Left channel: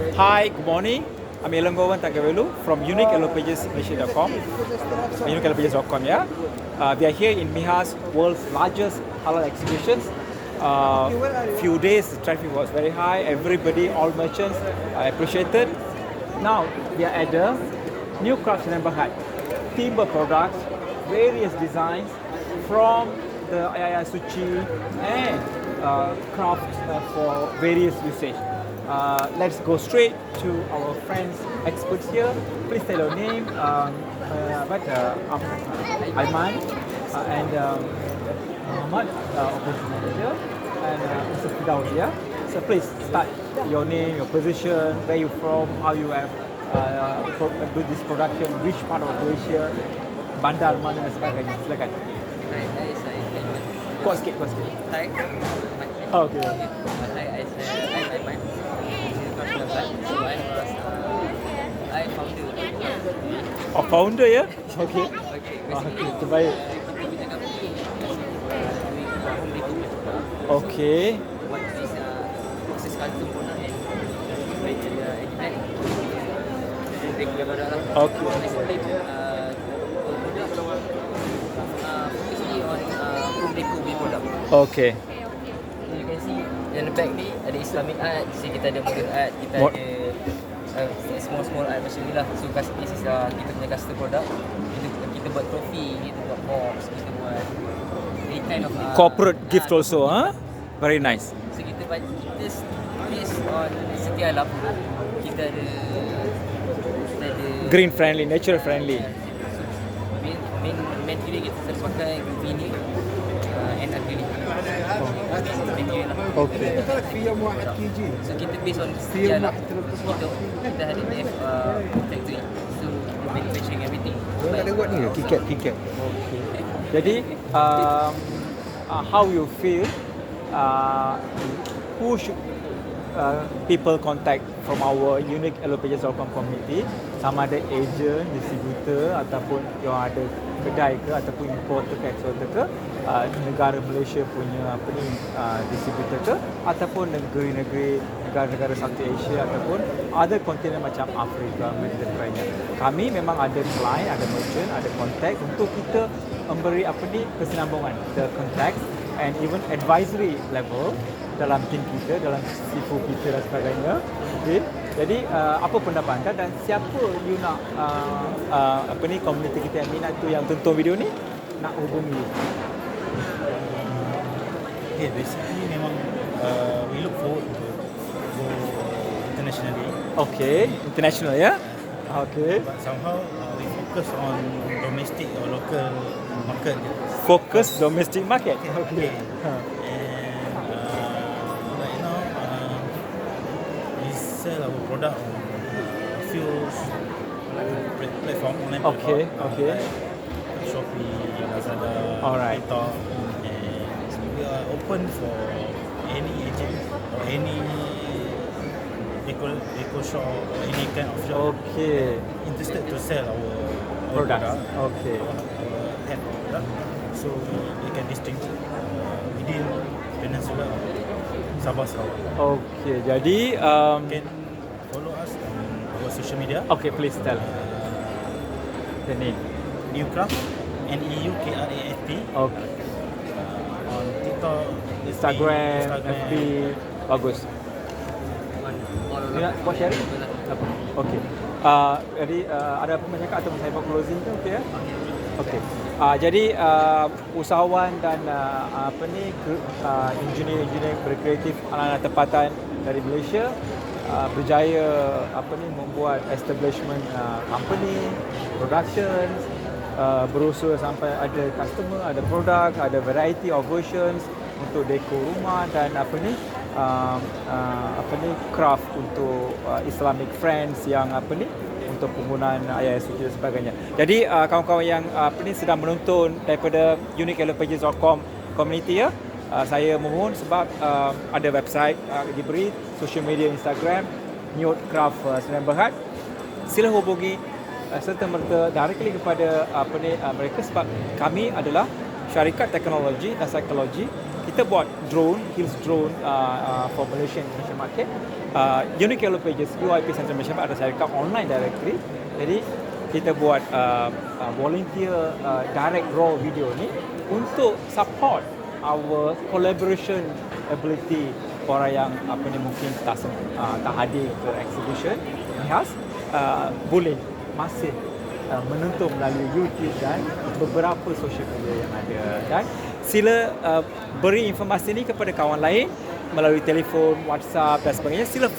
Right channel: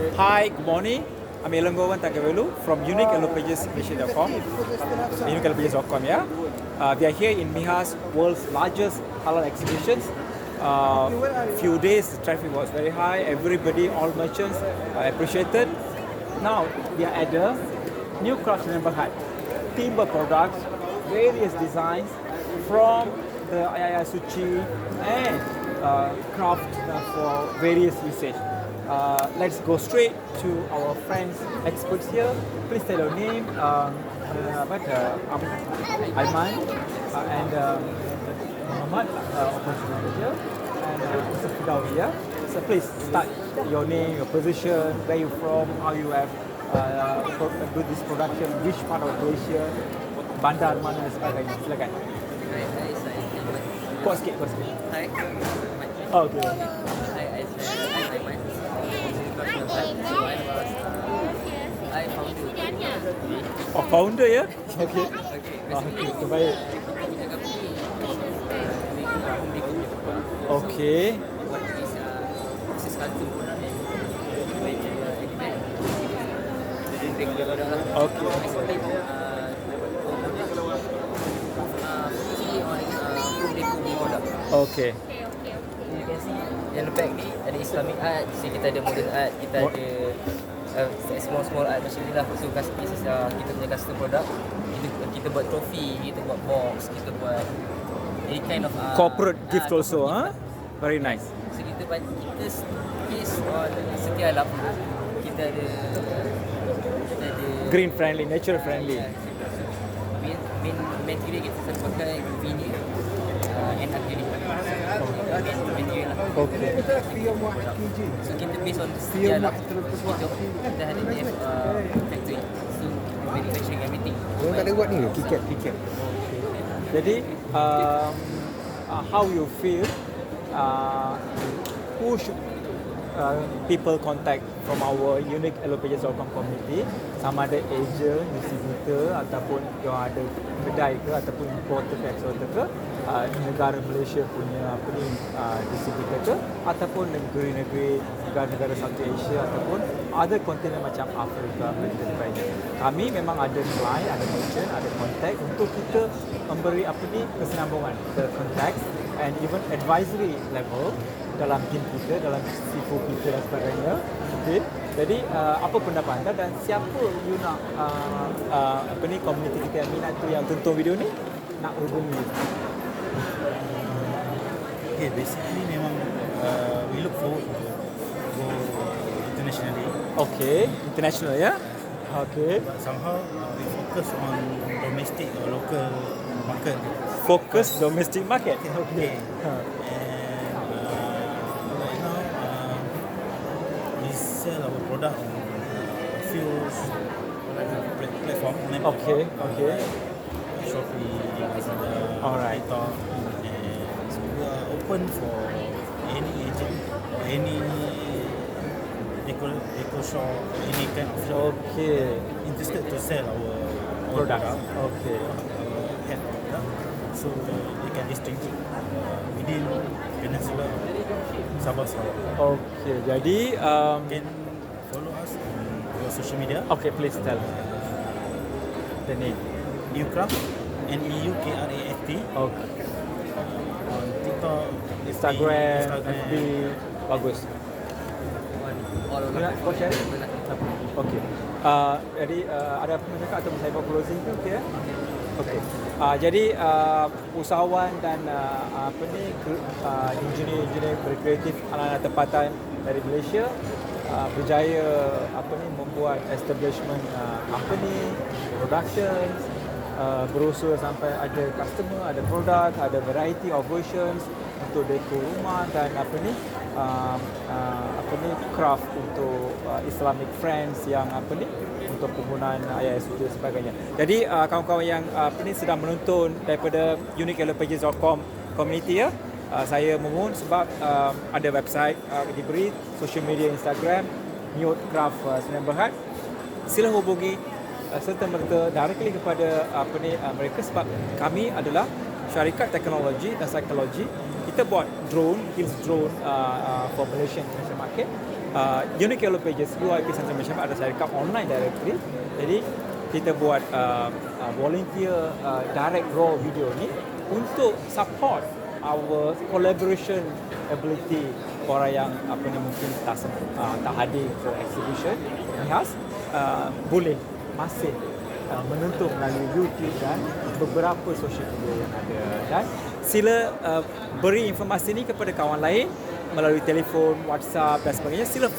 Hi, good morning. I'm Elongowan Tagavelu from uniqueallopages.com. Uniqueallopages.com, yeah. We are here in MIHAS, world's largest halal exhibitions. Few days, the traffic was very high. Everybody, all merchants, appreciated. Now we are at the new craft neighborhood. Timber products, various designs from the Ayaya Suci and craft for various usage. Let's go straight to our friends experts here. Please tell your name, Aiman and Muhammad, operations manager, and Mr. Fidawi. Yeah? So please start your name, your position, where you from, how you have do this production, which part of Malaysia, bandar mana dan sebagainya. Silakan. Hai, saya Aiman. Kuat sikit. Hai, Aiman. Oh, okay. Hi, I'm Aiman. So I founder. Oh, founder ya? Okay. Okay, terbaik. kita punya company doing home decor punya produk. Okay. What is custom product and make event. Decor punya produk lah. Okay. Our product focusly on home decor punya product. Okay. You can see yang the back ni ada Islamic art, sini kita ada modern art, kita ada small art macam ni lah. So this is kita punya custom product. Kita buat topi, kita buat box, kita buat any kind of Corporate gift also, huh? Very nice. So kita based on Setia Alam, kita ada Green friendly, nature friendly. main material kita selalu pakai vinyl and acrylic. Material lah. Okay. So kita based on Setia Alam, kita ada factory. So kita manufacturing everything. Kikap. Jadi, how you feel? Who should people contact from our uniqueallopages.com community? Sama ada agent, distributor ataupun yang ada kedai ke ataupun importer ke eksporter ke, negara Malaysia punya distributor ke, ataupun negeri-negeri negara-negara Southeast Asia ataupun ada kontinen macam Afrika dan sebagainya. Kami memang ada client, ada merchant, ada contact untuk kita memberi kesinambungan, the contact and even advisory level dalam tim kita, dalam sifu kita dan sebagainya. Okay. Jadi apa pendapat anda dan siapa you nak komuniti kita yang minat tu yang tonton video ni nak hubungi? Okay, basically memang we look forward to go internationally. Okay, international ya? Okay. But somehow we focus on domestic or local market. Fokus domestic market. Okay. And right now we sell our product on a few platform online. Okay. Like Shopee, Lazada, Alright. TikTok, and we are open for any agent or any deco shop or any kind of shop Okay. interested to sell our Products. product. Okay. Our head product, so they can distinguish within Peninsula or Sabah Sarawak. Okay. Jadi Can follow us on our social media. okay, please tell the name. New Craft, NEUKRAFT. Okay. On TikTok, Instagram, FB, bagus. All Ya, kau share? available lah. Okay. Jadi ada apa nak cakap atau saya buat closing tu, okay? Okay. Okay. Jadi usahawan dan engineer berkreatif anak-anak tempatan dari Malaysia berjaya membuat establishment company, productions, berusaha sampai ada customer, ada produk, ada variety of versions untuk dekor rumah dan craft untuk Islamic friends yang untuk penggunaan ayat suci dan sebagainya. Jadi kawan-kawan yang sedang menonton daripada uniqueallopages.com community ya, saya memohon sebab ada website diberi, social media Instagram New Craft Neighborhood, sila hubungi serta merta directly kepada mereka sebab kami adalah syarikat teknologi dan psikologi kita buat drone, hills drone for Malaysian international market. Unique Yellow Pages, UYP Central Malaysia ada saya account online directly. Jadi kita buat volunteer direct raw video ni untuk support our collaboration ability orang yang mungkin tak hadir ke exhibition MIHAS, boleh masih menonton melalui YouTube dan beberapa social media yang ada. Dan sila beri informasi ni kepada kawan lain melalui telefon, WhatsApp dan sebagainya. Sila